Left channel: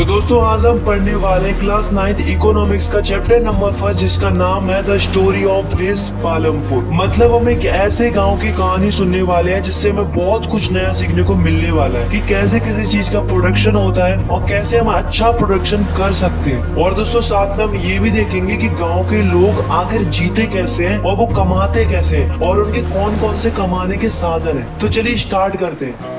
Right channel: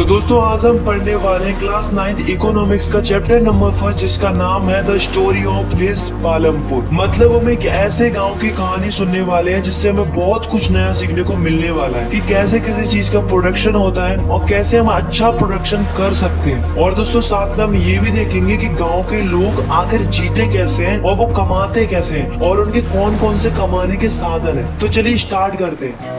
तो दोस्तों आज हम पढ़ने वाले क्लास 9 इकोनॉमिक्स का चैप्टर नंबर 1 जिसका नाम है the story of place Palampur. मतलब हम एक ऐसे गांव की कहानी सुनने वाले हैं जिससे हमें बहुत कुछ नया सीखने को मिलने वाला है कि कैसे किसी चीज का प्रोडक्शन होता है और कैसे हम अच्छा प्रोडक्शन कर सकते हैं। और दोस्तों साथ में हम ये भी देखेंगे कि गाँव के लोग आखिर जीते कैसे हैं और वो कमाते कैसे हैं और उनके कौन कौन से कमाने के साधन है। तो चलिए स्टार्ट करते हैं।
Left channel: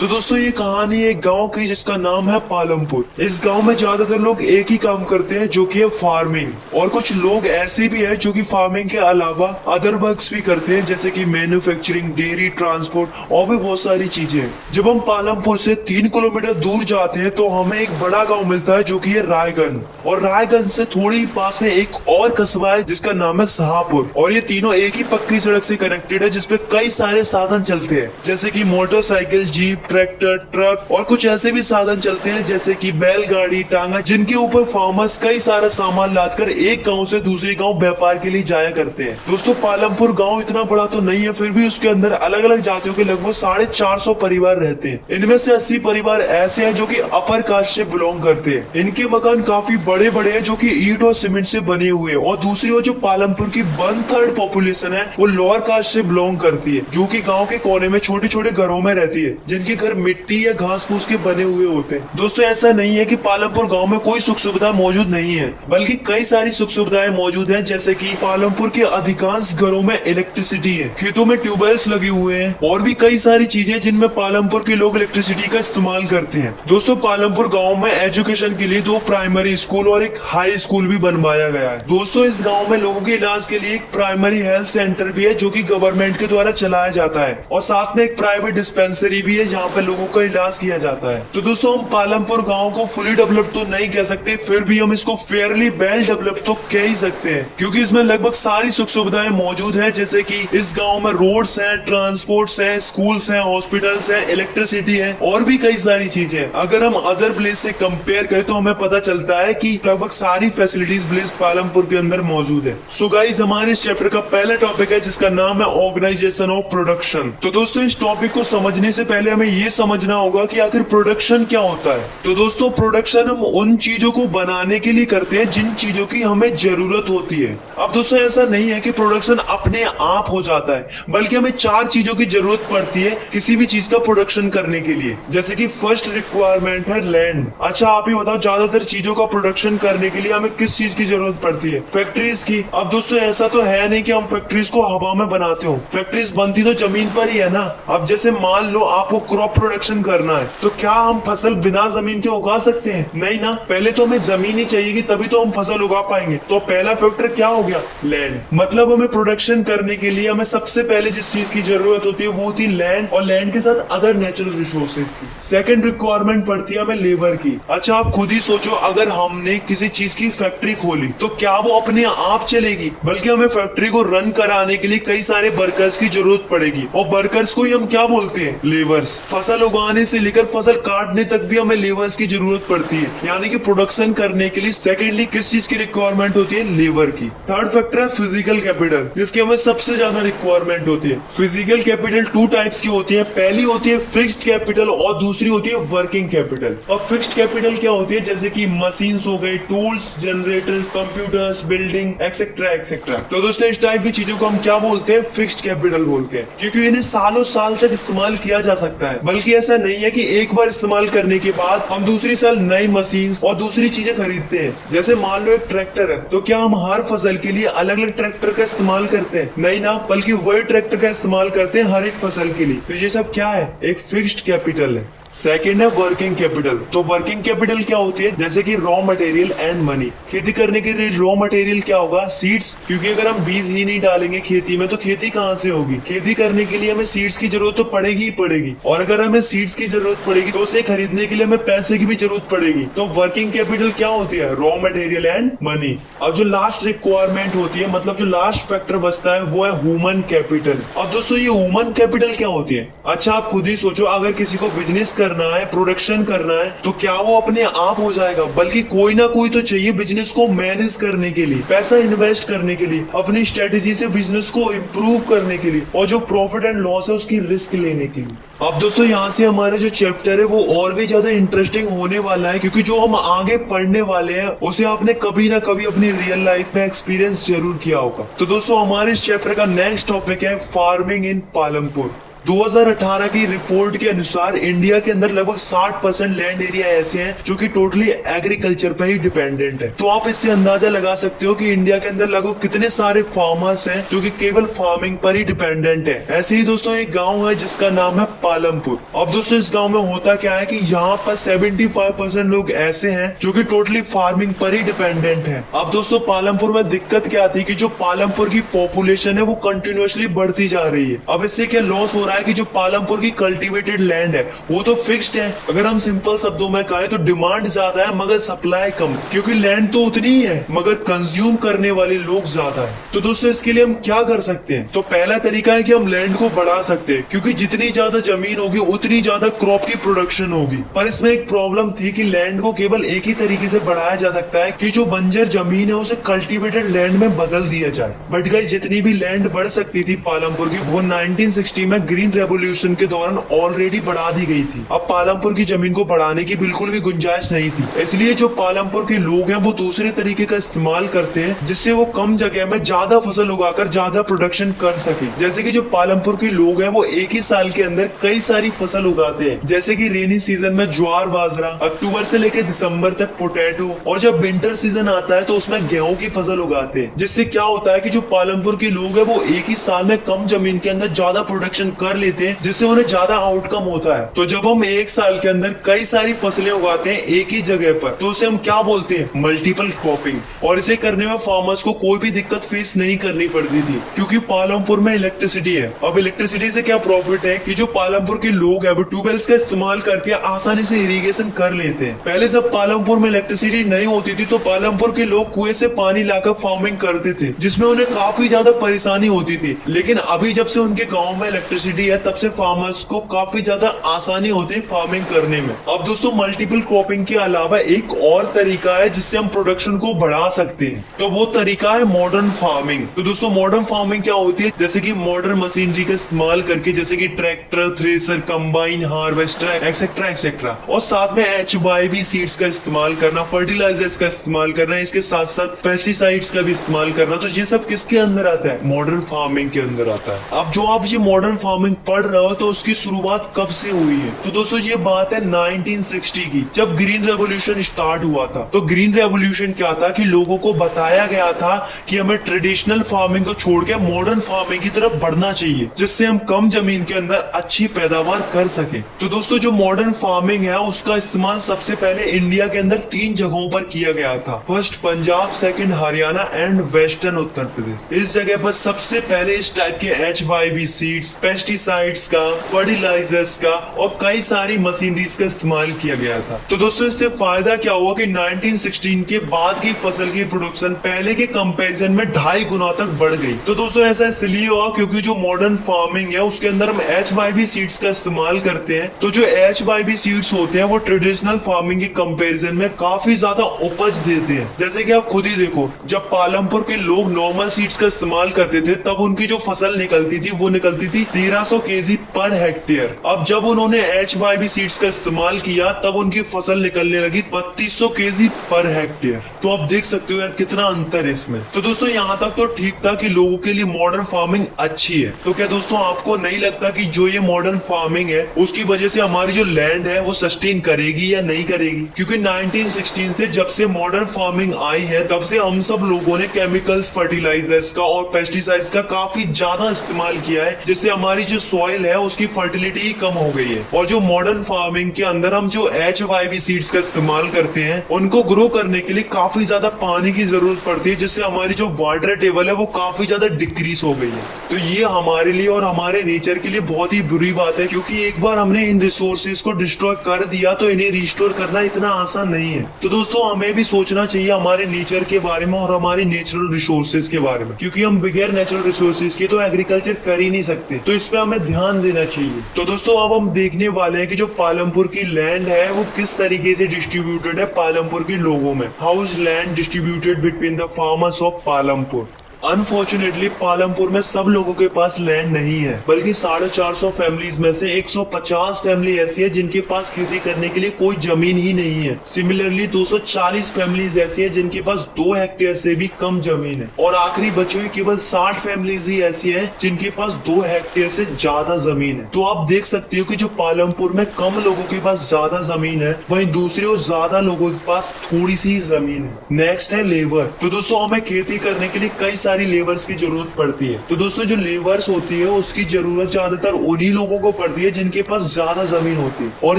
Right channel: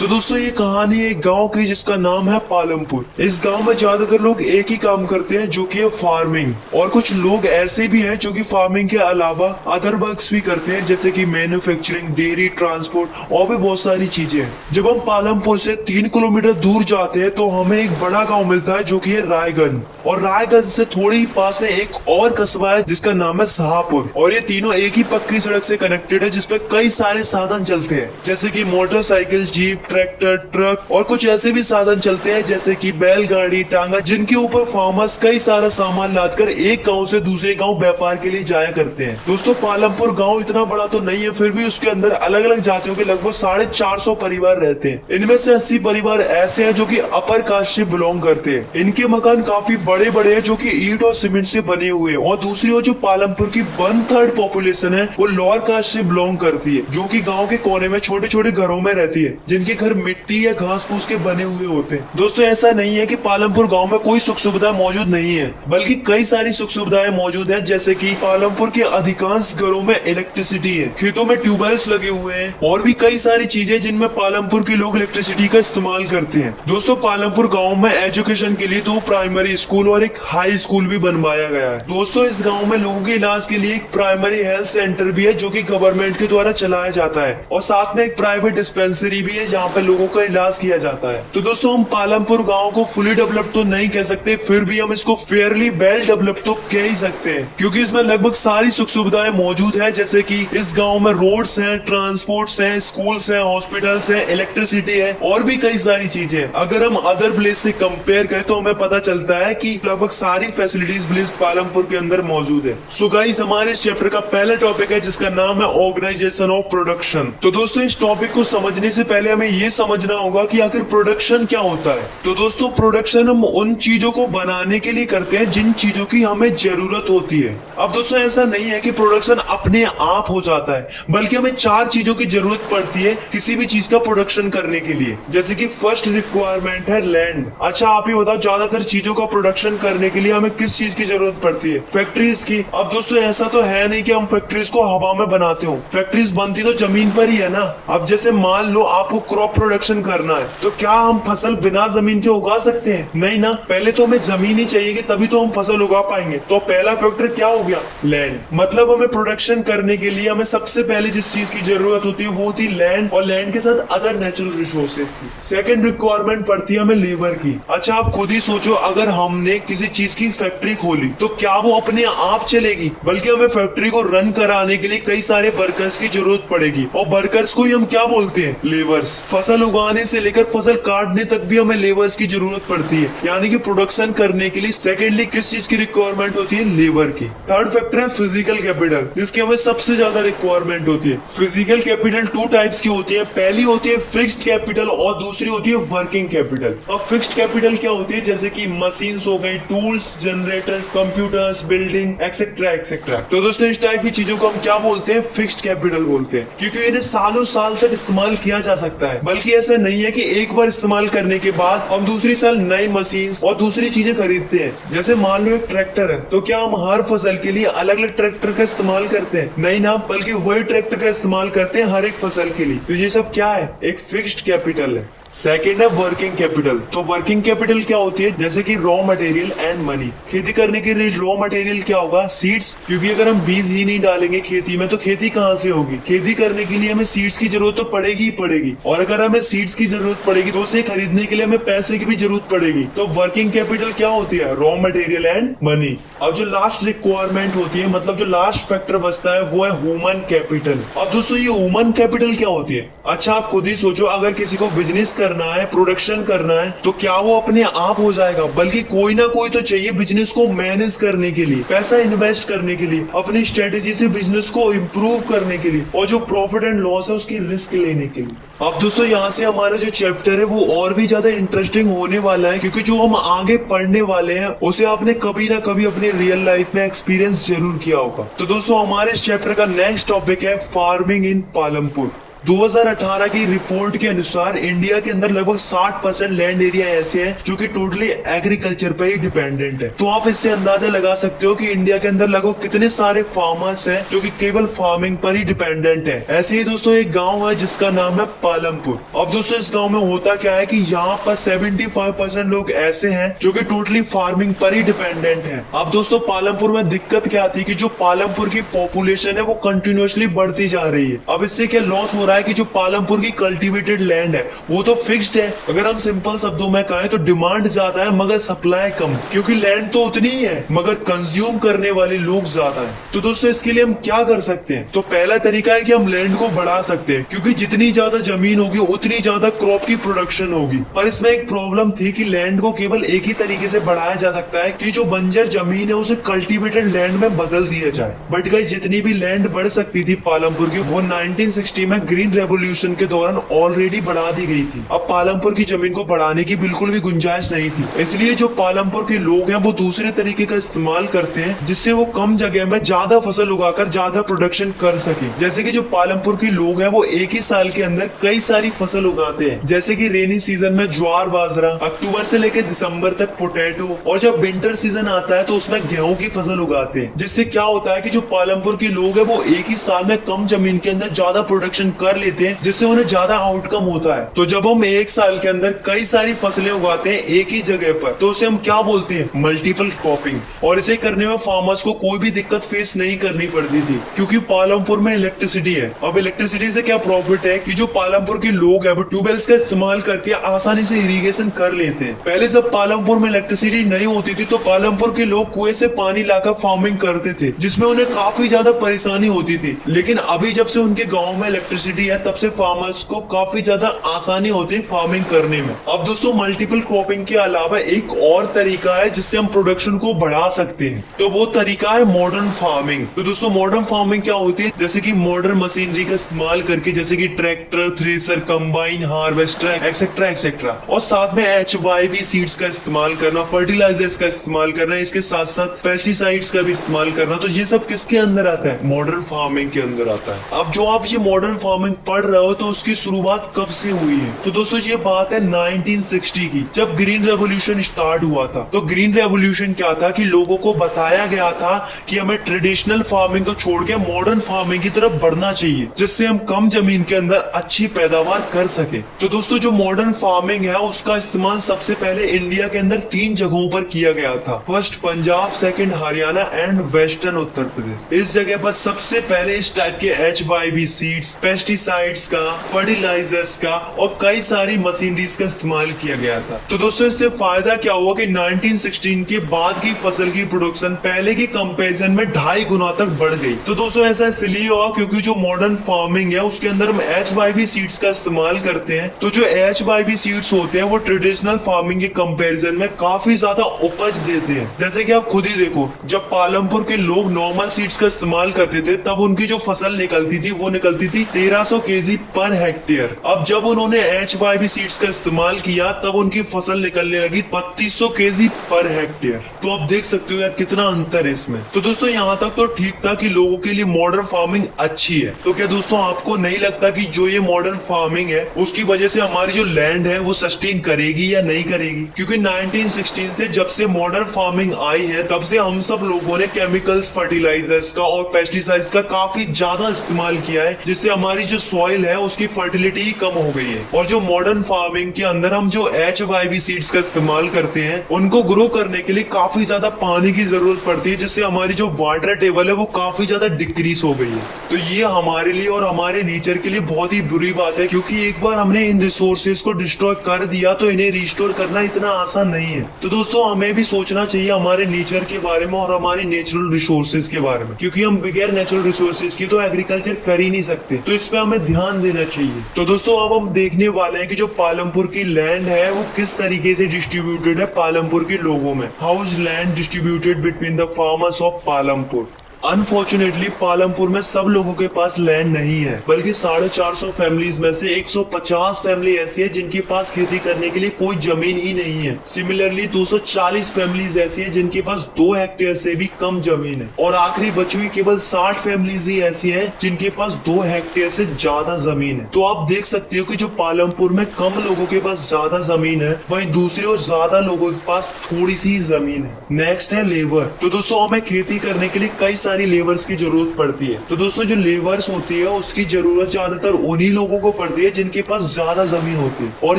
तो दोस्तों ये कहानी एक गांव की जिसका नाम है पालमपुर। इस गांव में ज्यादातर लोग एक ही काम करते हैं जो कि है फार्मिंग, और कुछ लोग ऐसे भी हैं जो कि फार्मिंग के अलावा अदर वर्क्स भी करते हैं जैसे कि मैन्युफैक्चरिंग, डेयरी, ट्रांसपोर्ट और भी बहुत सारी चीजें। जब हम पालमपुर से 3 किलोमीटर दूर जाते हैं तो हमें एक बड़ा गाँव मिलता है जो की है रायगंज, और रायगंज से थोड़ी ही पास में एक और कस्बा है जिसका नाम है शाहपुर। और ये तीनों एक ही पक्की सड़क से कनेक्टेड है जिसपे कई सारे साधन चलते हैं जैसे कि मोटरसाइकिल, जीप, ट्रैक्टर, ट्रक और कुछ ऐसे भी साधन चलते हैं जैसे कि बैलगाड़ी, टांगा, जिनके ऊपर फार्मर्स कई सारा सामान लादकर एक गांव से दूसरे गांव व्यापार के लिए जाया करते हैं। दोस्तों पालमपुर गांव इतना बड़ा तो नहीं है, फिर भी उसके अंदर अलग अलग जातियों के लगभग 450 परिवार रहते हैं। इनमें से 80 परिवार ऐसे हैं जो कि अपर कास्ट से बिलोंग करते हैं। इनके मकान काफी बड़े बड़े हैं जो कि ईंट और सीमेंट से बने हुए हैं। और दूसरी ओर जो पालमपुर की 1/3 पॉपुलेशन है वो लोअर कास्ट से बिलोंग करती है, जो कि गाँव के कोने में छोटे छोटे घरों में रहती है जिनके घर मिट्टी या घास फूस के बने हुए होते हैं। दोस्तों ऐसा नहीं है कि पालमपुर गांव में कोई सुख सुविधा मौजूद नहीं है, बल्कि कई सारी सुख सुविधाएं मौजूद हैं जैसे कि पालमपुर के अधिकांश घरों में इलेक्ट्रिसिटी है, खेतों में ट्यूबवेल्स लगे हुए हैं और भी कई सारी चीजें जिनमें पालमपुर के लोग इलेक्ट्रिसिटी का इस्तेमाल करते हैं। दोस्तों पालमपुर गाँव में एजुकेशन के लिए 2 प्राइमरी स्कूल और एक हाई स्कूल भी बनवाया गया है। दोस्तों इस गाँव में लोगों के इलाज के लिए एक प्राइमरी हेल्थ सेंटर भी है जो की गवर्नमेंट के द्वारा चलाया जाता है, और साथ में एक प्राइवेट डिस्पेंसरी भी है जहाँ पे लोगों का इलाज किया जाता है। तो दोस्तों हम पालमपुर गांव को फुली डेवलप तो नहीं कह सकते, फिर भी हम इसको फेयरली वेल डेवलप तो कह ही सकते हैं क्योंकि इसमें लगभग सारी सुख सुविधाएं मौजूद है जैसे कि इस गांव में रोड्स हैं, ट्रांसपोर्ट्स हैं, स्कूल्स हैं, हॉस्पिटल्स हैं, इलेक्ट्रिसिटी है और भी कई सारी चीजें। अगर हम अदर प्लेस से कंपेयर करें तो हमें पता चलता है कि लगभग सारी फैसिलिटीज प्लेस पालमपुर के अंदर मौजूद है। सो गाइस हमारे इस चैप्टर का पहला टॉपिक है जिसका नाम है ऑर्गेनाइजेशन ऑफ प्रोडक्शन। तो दोस्तों इस टॉपिक को समझने से पहले हमें ये समझना होगा कि आखिर प्रोडक्शन क्या होता है। तो दोस्तों प्रोडक्शन हम उन चीजों को बनाने के लिए करते हैं जिन चीजों की हमें जरूरत होती है। अब दोस्तों ऐसा नहीं है कि प्रोडक्शन अपने आप हो जाता है, बल्कि हमें 4 चीजों की जरूरत पड़ती है किसी भी चीज का प्रोडक्शन करने के लिए। जैसे कि फर्स्ट रिक्वायरमेंट है लैंड। अच्छा आप ही बताओ ज्यादातर चीजों का प्रोडक्शन करने के लिए हमें किस चीज की जरूरत पड़ती है? फैक्ट्रीज की। अब दोस्तों ऐसा तो है नहीं कि हम फैक्ट्रीज को हवा में बनाते हो, फैक्ट्रीज बनती तो जमीन पर ही है ना। अब जैसे मान लो आपको क्रॉप प्रोडक्शन करना है तो क्या हम फसल बिना जमीन के उगा सकते हैं? नहीं ना, पहले तो हमें जमीन ही चाहिए तभी तो हम फसल उगा पाएंगे। तो पहला फैक्टर क्या हो गया? लैंड। मतलब हमें प्रोडक्शन करने के लिए हमें सबसे पहले जिस चीज की जरूरत होती है वो होती है लैंड, और लैंड के साथ अदर नेचुरल रिसोर्सेज की। सेकंड रिक्वायरमेंट पड़ती है हमें लेबर की। अच्छा आप खुद ही सोचो, अगर हमने किसी चीज की फैक्ट्री खोली तो क्या वो अपने आप चलेगी? बल्कि हमें फैक्ट्री को रन कराने के लिए कई सारे वर्कर्स की जरूरत पड़ेगी, और वर्कर्स को ही हम क्या बोलते हैं? लेबर्स। फसल उगाने से लेकर फसल काटने तक भी हमें लेबर्स की जरूरत पड़ती है। यानी कि प्रोडक्शन करने के लिए सेकेंडली किस चीज की रिक्वायरमेंट होती है? लेबर की। थर्ड फैक्टर है फिजिकल कैपिटल, जिसकी हमें सबसे ज्यादा रिक्वायरमेंट होती है। फिजिकल कैपिटल 2 टाइप्स की होती है। पहली होती है फिक्स्ड कैपिटल और दूसरी होती है वर्किंग कैपिटल। अब फिक्स्ड कैपिटल क्या होती है? जैसे कि मशीन्स हो गई, tools, generator, computers, building etcetera etcetera. तो दोस्तों इस टाइप की चीजों को हम क्या बोलते हैं? फिक्स्ड कैपिटल बोलते हैं, क्योंकि इन्हें सालों साल तक इस्तेमाल किया जा सकता है। बल्कि ऐसा नहीं है कि एक बार इस्तेमाल करने के बाद हम दूसरी साल नई मशीन और दूसरी चीजें खरीदते हैं। जैसे मान लो एक ट्रैक्टर है तो क्या हम हर फसल के लिए अलग अलग ट्रैक्टर का इस्तेमाल करते हैं? नहीं ना, बल्कि वही ट्रैक्टर का इस्तेमाल करते हैं हर एक फसल के लिए। तो ये सब क्या है? एक फिक्स्ड कैपिटल है। सेकेंड है वर्किंग कैपिटल। तो वर्किंग कैपिटल क्या होती है? जैसे कि रॉ मटेरियल एंड मनी। खेती करने के लिए रॉ मटेरियल क्या होगा? सीड्स, क्योंकि अगर हम बीज ही नहीं डालेंगे खेती में तो खेती कहाँ से होगी? खेती करने के लिए हमें सीड्स की जरूरत तो पड़ेगी ही पड़ेगी, और अगर हमें सीड्स की जरूरत पड़ेगी तो उसे खरीदने के लिए हमें पैसे की भी जरूरत पड़ेगी। तो वर्किंग कैपिटल क्या होती है? Raw material and money. अब जो लास्ट रिक्वायरमेंट होती है, मतलब जो लास्ट फैक्टर बचता है, वो है ह्यूमन कैपिटल। अब दोस्तों ये ह्यूमन कैपिटल क्या होती है? अच्छा आप खुद ही सोचो, अगर किसी को बिजनेस करना है, प्रोडक्शन करना है, तो क्या वो अपने आप हो जाएगा? बल्कि कोई ना कोई तो चाहिए बिजनेस को मैनेज करने के लिए, पैसा इन्वेस्ट करने के लिए, अपनी स्ट्रेटेजी से बिजनेस को इम्प्रूव करने के लिए, और जो प्रॉफिट एंड लॉस है उसकी रिस्क लेने के लिए। अब दोस्तों यहाँ से हमारा जो चैप्टर है वो और भी ज्यादा इंटरेस्टिंग होने वाला है, क्योंकि जो हम आगे पढ़ने वाले हैं उसे आपने कभी ना कभी अपनी रियल लाइफ में एक्सपीरियंस जरूर किया होगा। तो दोस्तों हमारे इस चैप्टर का नेक्स्ट टॉपिक है फार्मिंग इन पालमपुर। 2018 की रिपोर्ट के अनुसार इंडिया के अंदर लगभग 60% लैंड एरिया ऐसे हैं जो कि टोटली एग्रीकल्चर पर ही डिपेंडेंट है। तो आप इससे अंदाजा लगा सकते हो कि इंडिया के अंदर लगभग कितने सारे फार्मर्स हैं जो कि केवल फार्मिंग पर ही डिपेंडेंट है। ऐसे ही दोस्तों एक गांव है जिसका नाम है पालमपुर। अब दोस्तों इस गांव में होता क्या है कि यहाँ पर 75% लोग ऐसे हैं जो कि टोटली फार्मिंग पर ही डिपेंडेंट है। अब दोस्तों पालमपुर में दिक्कत क्या थी कि जो पालमपुर की पॉपुलेशन है वो कंटिन्यूअसली बढ़ती जा रही है। अब इससे क्या लॉस हो रहा है कि जो पालमपुर की कल्टीवेटेड लैंड है वो तो फिक्स्ड है। अगर हम सिंपल शब्दों में कहें तो डिमांड ज्यादा है मगर सप्लाई कम, क्योंकि लैंड तो उतनी ही है मगर कंज्यूम करने वाले लोग ज्यादा है। तो दोस्तों इसके लिए हम क्या कर सकते हैं? तो पहला तरीका है कि हम लैंड को बढ़ा सकते हैं, क्योंकि जितनी ज्यादा जमीन होगी उतनी ज्यादा क्रॉप की प्रोडक्शन होगी। पर इसमें एक प्रॉब्लम थी कि लैंड को केवल एक ही तरीके से बढ़ाया जा सकता है कि जो बंजर जमीन है उसे कल्टीवेटेड लैंड में बदल दिया जाए। बट गाइस जितनी भी लैंड बढ़ सकती थी पालमपुर की वो 1960 में ग्रीन रेवोल्यूशन के दौरान ऑलरेडी बढ़ा दी गई थी। अब पालमपुर की जमीन को बढ़ाने की बिल्कुल भी गुंजाइश नहीं थी। इसलिए जो पालमपुर के लोग हैं वो दूसरे तरीके का इस्तेमाल करते हैं जिससे वो कम जगह में ज्यादा फसल उगाकर ज्यादा प्रोडक्शन कर सके। जैसे कि जो पालमपुर के लोग हैं वो एक ही साल के अंदर कई सारी फसल उगाते हैं, जैसे कि रेनी सीजन में ज्वार बाजरा, अक्टूबर से लेकर दिसंबर तक पोटैटो, और जब विंटर सीजन आता है तो उसमें गेहूं की फसल उगाते हैं। जिससे क्या होता है कि जो पालमपुर के लोग हैं वो एक ही साल में कम जमीन के अंदर ज्यादा प्रोडक्शन कर लेते हैं, जिससे उन्हें ज्यादा आउटकम होता है। तो जब हम एक साल के अंदर कई सारी फसलें उगाते हैं एक ही जगह पर तो उसे हम क्या बोलते हैं? Multiple cropping. और इसे करने में फार्मर्स को कोई भी दिक्कत फेस नहीं करनी पड़ती थी, क्योंकि पालमपुर में इलेक्ट्रिसिटी है। अब इलेक्ट्रिसिटी से क्या प्रॉफिट है कि जो पालमपुर के लोग हैं वो ट्यूबवेल्स का इस्तेमाल करके आसानी से इरिगेशन कर लेते हैं। पहले जब पालमपुर में इलेक्ट्रिसिटी नहीं होती थी तो पालमपुर के लोग कुएं से पानी लाकर फार्मिंग करते थे, जिसमें उन्हें काफी ज्यादा परेशानी होती थी। लेकिन अभी जब से उनके गाँव में इलेक्ट्रिसिटी है तब से फार्मर्स को काफी ज्यादा आसानी होती है फार्मिंग करने में। अब दोस्तों मल्टीपल क्रॉपिंग के अलावा एक और तरीका है जिससे हम प्रोडक्शन को बढ़ा सकते हैं, तो वो तरीका है मॉडर्न फार्मिंग। तो दोस्तों मॉडर्न फार्मिंग क्या होती है? जैसे कि मॉडर्न मशीनरी का इस्तेमाल करके, जैसे कि tractor, thresher, combine, harvester etcetera etcetera, और साथ में HYV सीड्स का इस्तेमाल करना, फर्टिलाइजर्स का इस्तेमाल करना, इसके साथ साथ पेस्टिसाइड्स का भी इस्तेमाल करना। तो ये सब किसके अंदर आता है? मॉडर्न फार्मिंग के अंदर आता है। अब जो आप ये मॉडर्न फार्मिंग पढ़ रहे हो तो उसकी शुरुआत कब से हुई है? तो दोस्तों ये बात है 1960 की, जब ग्रीन रेवोल्यूशन स्टार्ट हुआ था। तो ग्रीन रेवोल्यूशन क्या था कि लोगों को बताया गया था कि हमें ट्रेडिशनल फार्मिंग को छोड़ के मॉडर्न फार्मिंग की तरफ बढ़ना चाहिए, जिससे हम कम जमीन के अंदर अच्छी पैदावार कर सके। तो दोस्तों जो मॉडर्न फार्मिंग है उसका इस्तेमाल सबसे पहले इंडिया के अंदर 3 जगहों पर किया गया था। First Punjab, second Haryana and western Uttar Pradesh. इस जगह पर सबसे पहले इस टाइप के HYV सीड्स, पेस्टिसाइड्स का, फर्टिलाइजर्स का और कई सारी मशीनरीज का इस्तेमाल किया गया था। तो दोस्तों इससे फायदा क्या हुआ कि 1916 के बाद की फसल की प्रोडक्शन पहले के कंपैरिजन में 2.5 गुना तक बढ़ गई। तो दोस्तों ऐसा इसलिए हुआ क्योंकि जो मॉडर्न फार्मिंग है उसके अंदर हम HYV सीड्स का इस्तेमाल करते हैं। तो जो HYV सीड्स होते हैं वो ट्रेडिशनल फार्मिंग के कंपैरिजन में काफी ज्यादा उपज देते हैं। जैसे कि आप खुद ही देखो, जब पालमपुर के लोग नॉर्मल सीड्स का इस्तेमाल करते थे तब उनकी जो फसल निकलती थी वो निकलती थी 1300 kg पर हेक्टेयर। अब जब उन्होंने HYV सीड्स का इस्तेमाल किया तब उनकी फसल निकलने लगी 3200 kg पर हेक्टेयर। तो आप देख सकते हो यार कितना अंतर है इसमें। तो दोस्तों यहाँ तक तो ठीक था कि लोगों के लिए मॉडर्न फार्मिंग अच्छी है। तो क्या दोस्तों आपको नहीं लगता कि जो ये मॉडर्न फार्मिंग है उसकी वजह से हमारी जो लैंड है वो सस्टेन करेगी या नहीं करेगी? क्योंकि 1916 से जब से मॉडर्न फार्मिंग आई है तब से हम सब लोगों ने केमिकल्स, फर्टिलाइजर्स का और पेस्टिसाइड्स का काफी ज्यादा इस्तेमाल किया है, जिससे हमारी जो सॉइल है उसकी फर्टिलिटी ही कम हो गई है। और जो मॉडर्न फार्मिंग के अंदर हम जो HYV सीड्स का इस्तेमाल करते हैं उनको ग्रो करने के लिए काफी ज्यादा पानी की जरूरत पड़ती है, जिससे हमारी जो वाटर टेबल है वो काफी ज्यादा डिक्रीज हो गई है। तो ये हमारे लिए और हमारे नेचर के लिए बहुत ही बुरी बात है, क्योंकि एक बार हमने इन रिसोर्सेज को डिस्ट्रॉय कर दिया तो इन्हें रिस्टोर करना इतना आसान नहीं है। तो दोस्तों हमें भी सोचना चाहिए हमारे नेचर के बारे में और हमारी नेचुरल रिसोर्सेज के बारे में, क्योंकि हम बगैर नेचुरल रिसोर्सेज के तो एग्रीकल्चर कर ही नहीं सकते। तो इस पे हमें ध्यान देना चाहिए। तो दोस्तों अब हम देखने वाले हैं कि जो पालमपुर की लैंड है वो किस तरीके से डिस्ट्रीब्यूटेड है पालमपुर के लोगों में। How is land distributed between the farmers of Palampur. Unfortunately Palampur में सब लोगों के पास लैंड नहीं है, बल्कि 450 फैमिलीज में से 150 फैमिली ऐसी है जिनके पास खेती करने के लिए कोई जमीन ही नहीं है। सिमिलरली 240 फैमिलीज ऐसी है जिनके पास 2 हेक्टेयर से भी कम जमीन है, और आखिरी बची हुई केवल 60 फैमिलीज ही ऐसी है जिनके पास 2 हेक्टेयर से ज्यादा जमीन है। तो आप देख सकते हो कि जो पालमपुर में कम लोगों के पास ज्यादा जमीन है, वहीं दूसरी ओर ज्यादा लोगों के पास थोड़ी सी जमीन है। नेक्स्ट है लेबर। तो दोस्तों हमें खेती करने के लिए कई सारी लेबर्स की जरूरत पड़ती है। तो दोस्तों जो लेबर्स होती है उसकी जरूरत ज्यादातर उन्हीं लोगों को पड़ती है जिनके पास ज्यादा जमीन होती है, और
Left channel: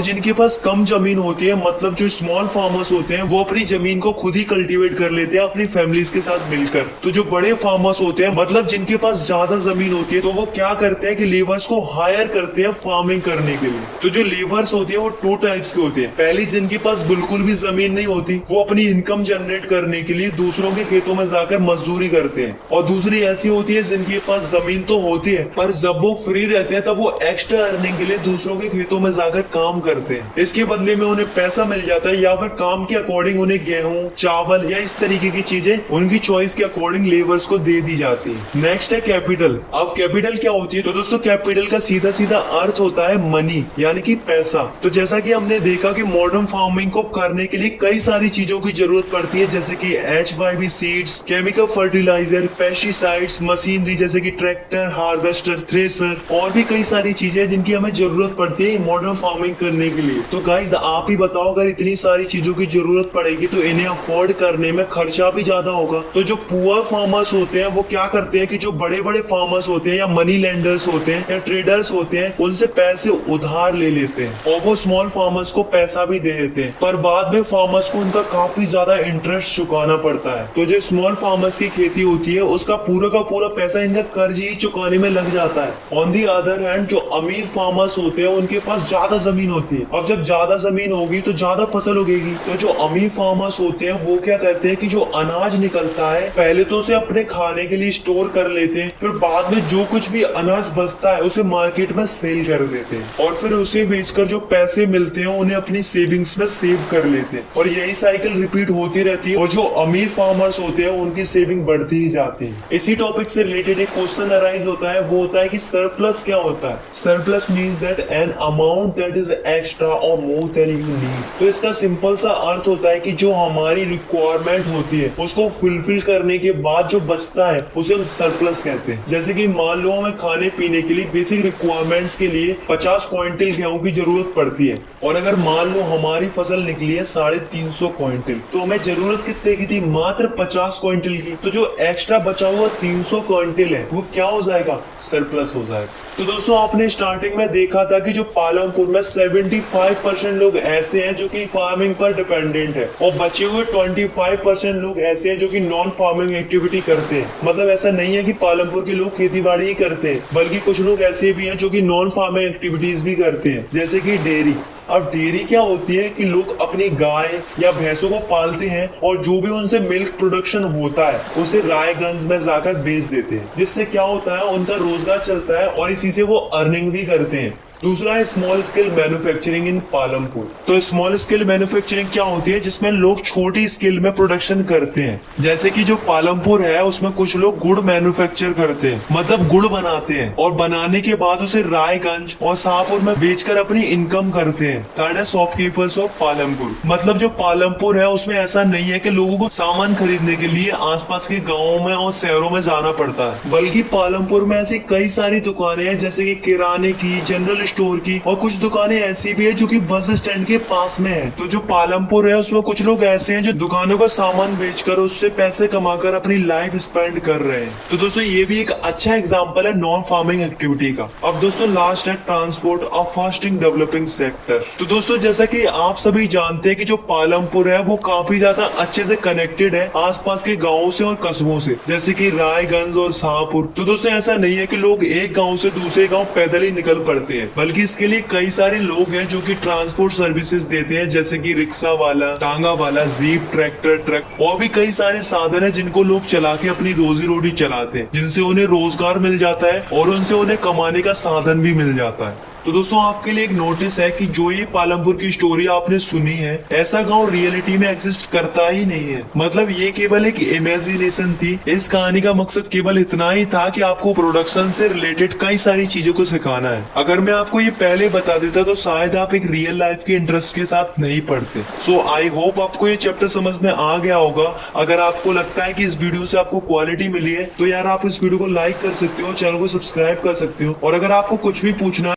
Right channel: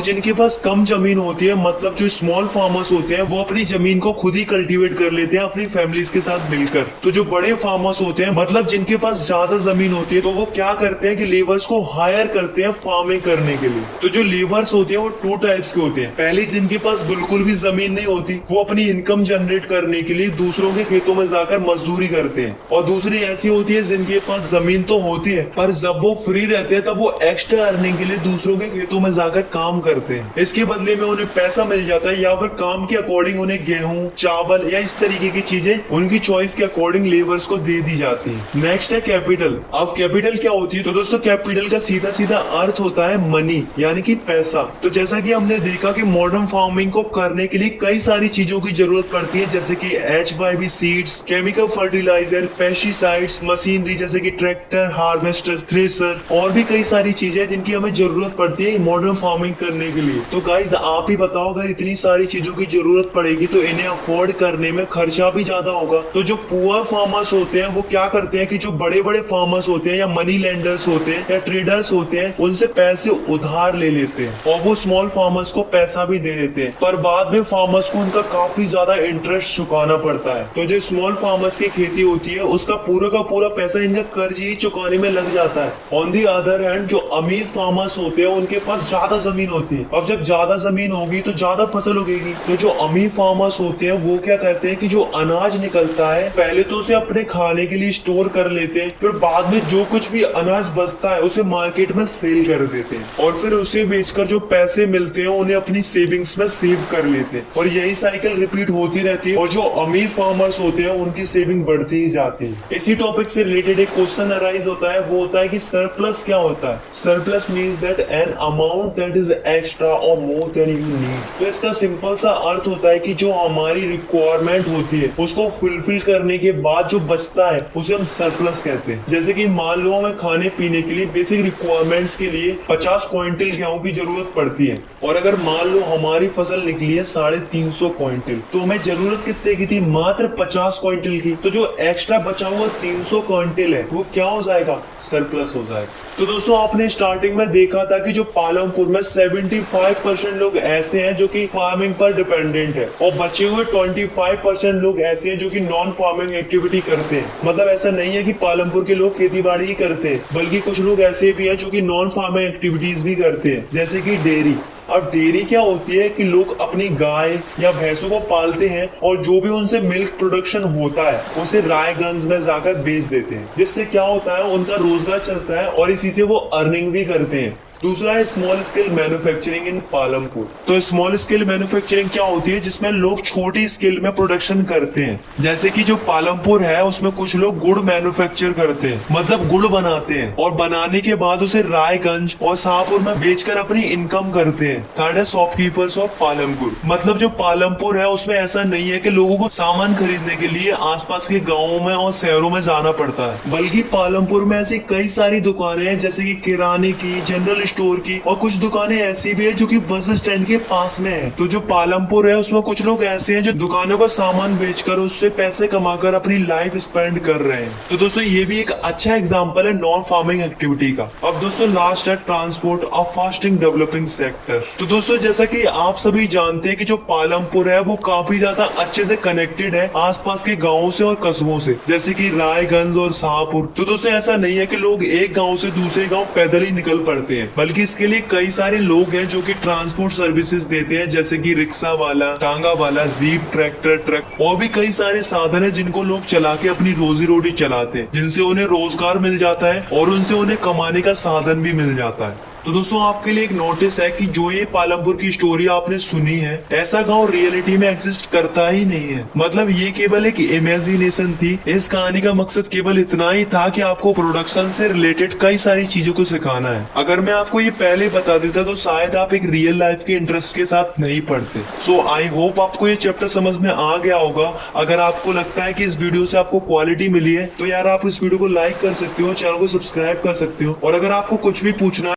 जिनके पास कम जमीन होती है, मतलब जो स्मॉल फार्मर्स होते हैं, वो अपनी जमीन को खुद ही कल्टीवेट कर लेते हैं अपनी फैमिलीज के साथ मिलकर। तो जो बड़े फार्मर्स होते हैं, मतलब जिनके पास ज्यादा जमीन होती है, तो वो क्या करते हैं कि लेबर्स को हायर करते हैं फार्मिंग करने के लिए। तो जो लेबर्स होते हैं वो 2 टाइप्स के होते हैं। पहली, जिनके पास बिल्कुल भी जमीन नहीं होती, वो अपनी इनकम जनरेट करने के लिए दूसरों के खेतों में जाकर मजदूरी करते हैं, और दूसरी ऐसी होती है जिनके पास जमीन तो होती है, पर जब वो फ्री रहते हैं तब वो एक्स्ट्रा अर्निंग के लिए दूसरों के खेतों में जाकर काम करते हैं। इसके बदले में उन्हें पैसा मिल जाता है, या फिर काम के अकॉर्डिंग उन्हें गेहूं, चावल या इस तरीके की चीजें उनकी चॉइस के अकॉर्डिंग लेबर्स को दे दी जाती है। नेक्स्ट है कैपिटल। अब कैपिटल क्या होती है? तो दोस्तों कैपिटल का सीधा सीधा अर्थ होता है मनी, यानी कि पैसा। तो जैसा कि हमने देखा कि मॉडर्न फार्मिंग को करने के लिए कई सारी चीजों की जरूरत पड़ती है, जैसे कि HYB seeds, chemical fertiliser, pesticides, machinery जैसे कि ट्रैक्टर, हार्वेस्टर, थ्रेसर, और भी कई सारी चीजें जिनकी हमें जरूरत पड़ती है मॉडर्न फार्मिंग करने के लिए। तो गाइस आप ही बताओ, अगर इतनी सारी चीजों की जरूरत पड़ेगी तो इन्हें अफोर्ड करने में खर्चा भी ज्यादा होगा। तो जो पुअर फार्मर्स होते हैं वो क्या करते हैं कि जो बड़े बड़े फार्मर्स होते हैं, या मनी लेंडर्स होते हैं, या ट्रेडर्स होते हैं, उनसे पैसे उधार ले लेते हैं, और वो स्मॉल फार्मर्स को पैसा भी दे देते हैं, पर बाद में फार्मर्स को उनका काफी ज्यादा इंटरेस्ट चुकाना पड़ता है। तो जो स्मॉल फार्मर्स की खेती होती है उसका पूरा का पूरा पैसा इनका कर्ज ही चुकाने में लग जाता है। ऑन दी अदर हैंड जो अमीर फार्मर्स होते हैं उनके पास ज्यादा जमीन होती है। अब जब ज्यादा जमीन होगी तो ज्यादा फसल उगेगी। तो जो अमीर फार्मर्स होते हैं वो क्या करते हैं कि जो अनाज निकलता है पहले तो उसे अपने खाने के लिए स्टोर कर लेते हैं, फिर बाद में जो कुछ भी अनाज बचता है उसे मार्केट में सेल कर देते हैं, और फिर उसे बेचकर जो पैसे मिलते हैं उन्हें अपनी सेविंग्स में सेव कर लेते हैं, और यही साइकिल रिपीट होती रहती है। और जो अमीर फार्मर्स होते हैं उनकी सेविंग बढ़ती ही जाती है। इसी टॉपिक से रिलेटेड एक क्वेश्चन अराइज होता है, वो होता है कि सरप्लस क्या होता है? Surplus means that an amount that is extra और मोर देन यू नीड। तो इसका सिंपल सा अर्थ होता है कि जो हमारी रिक्वायरमेंट होती है उसको फुलफिल करने के बाद जो बचता है उसे हम सरप्लस कहते हैं। जैसे कि मान लो हमें खाने पीने के लिए बेसिक रिक्वायरमेंट्स के लिए 50 क्विंटल गेहूं की जरूरत पड़ती है, और अगर मान लो हमारी फसल निकली है 350 क्विंटल, तो हमें जरूरत कितने की थी? मात्र 50 क्विंटल की। तो जो एक्स्ट्रा बचा हुआ 300 क्विंटल है वो क्या हो जाएगा? सरप्लस हो जाएगा। तो दोस्तों आपने स्टार्टिंग में देखा था कि जो पालमपुर में 75% लोग ऐसे हैं जो कि फार्मिंग पर डिपेंडेंट है, और बचे हुए 25% लोग ऐसे हैं जो कि नॉन फार्मिंग एक्टिविटी करते हैं। मतलब ऐसा नहीं है कि पालमपुर के लोग खेती बाड़ी ही करते हैं, बल्कि कुछ लोग ऐसे भी हैं जो कि नॉन फार्मिंग एक्टिविटीज भी करते हैं, जैसे कि डेयरी। अब डेयरी क्या होती है कि लोग अपनी गाय या भैंसों को पालते हैं, और जो भी उनसे मिल्क प्रोडक्शन होता है उसे रायगंज में जाकर बेच देते हैं, जिससे क्या होता है उनका रोजगार चलता है, और इसी से वो अर्निंग भी करते हैं। दूसरा है स्मॉल स्केल मैन्युफैक्चरिंग इन पालमपुर। तो स्मॉल स्केल मैन्युफैक्चरिंग क्या होती है? जिसमें लोग छोटी स्केल में प्रोडक्शन करते हैं। जैसे कि जो पालमपुर है उसमें कुछ लोग गुड़ मैन्युफैक्चर करते हैं, मतलब गुड़ बनाते हैं, और बनाने के बाद उसे रायगंज और शाहपुर में बेचकर अपनी इनकम करते हैं। थर्ड है शॉपकीपर्स ऑफ पालमपुर। मतलब जो पालमपुर है उसमें ऐसा नहीं है कि लोगों को सामान खरीदने के लिए आसपास के गाँवों में और शहरों में जाना पड़ता है, बल्कि पालमपुर में ऐसी कई सारी दुकानें हैं, जैसे कि किराने की, जनरल स्टोर की, और कुछ दुकानें ऐसी भी है जो कि बस स्टैंड के पास में है। तो जो पालमपुर है उसमें कुछ लोग ऐसे हैं जो दुकानों का सामान बेचकर उससे पैसे कमाकर अपनी लाइफ स्पेंड कर रहे हैं। तो दोस्तों ये भी एक अच्छा एग्जांपल है नॉन फार्मिंग एक्टिविटी का। अब दोस्तों लास्ट है transport of fasting developing sector. तो दोस्तों जैसा कि आप सभी जानते हैं कि जो पालमपुर है वो काफी ज्यादा अच्छे से कनेक्टेड है आसपास के गाँव से और कस्बों से, जैसे की रायगंज और शाहपुर। तो दोस्तों ऐसा नहीं है कि लोग एक गाँव से दूसरे गाँव पैदल ही निकल पड़ते हैं, बल्कि इसके लिए कई सारे लोग हैं जो कि ट्रांसपोर्ट सर्विसेज देते हैं, जैसे कि रिक्शा वाला, टांगा वाला, जीप, ट्रैक्टर, ट्रक और भी कई सारे साधन है जिनको लोग चला के अपनी रोजी रोटी चलाते हैं, जिनसे उन्हें रोजगार मिल जाता है और उनसे उन्हें कमाने का साधन भी मिल जाता है। तो दोस्तों आपके लिए एक नोटिस है कि जो ये पालमपुर की स्टोरी आपने सुनी है, ऐसा गांव रियलिटी में एग्जिस्ट करता ही नहीं है। मतलब ये केवल एक इमेजिनेशन थी। इस कहानी का मकसद केवल इतना ही था कि आपको प्रोडक्शन से रिलेटेड कई सारी चीजों को सिखाना है। अगर मैं आपको ये पहले बता देता तो शायद आप एक रियल लाइफ के इंटरेस्ट के साथ नहीं पढ़ते। सो आई होप आपको ये चैप्टर समझ में आ गया होगा। अगर आपको लगता है कि इस वीडियो से आपको क्वालिटी मिली है तो यार आप इस वीडियो को लाइक कर सकते हो, चैनल को सब्सक्राइब कर सकते हो, और अगर आपको कुछ भी पूछना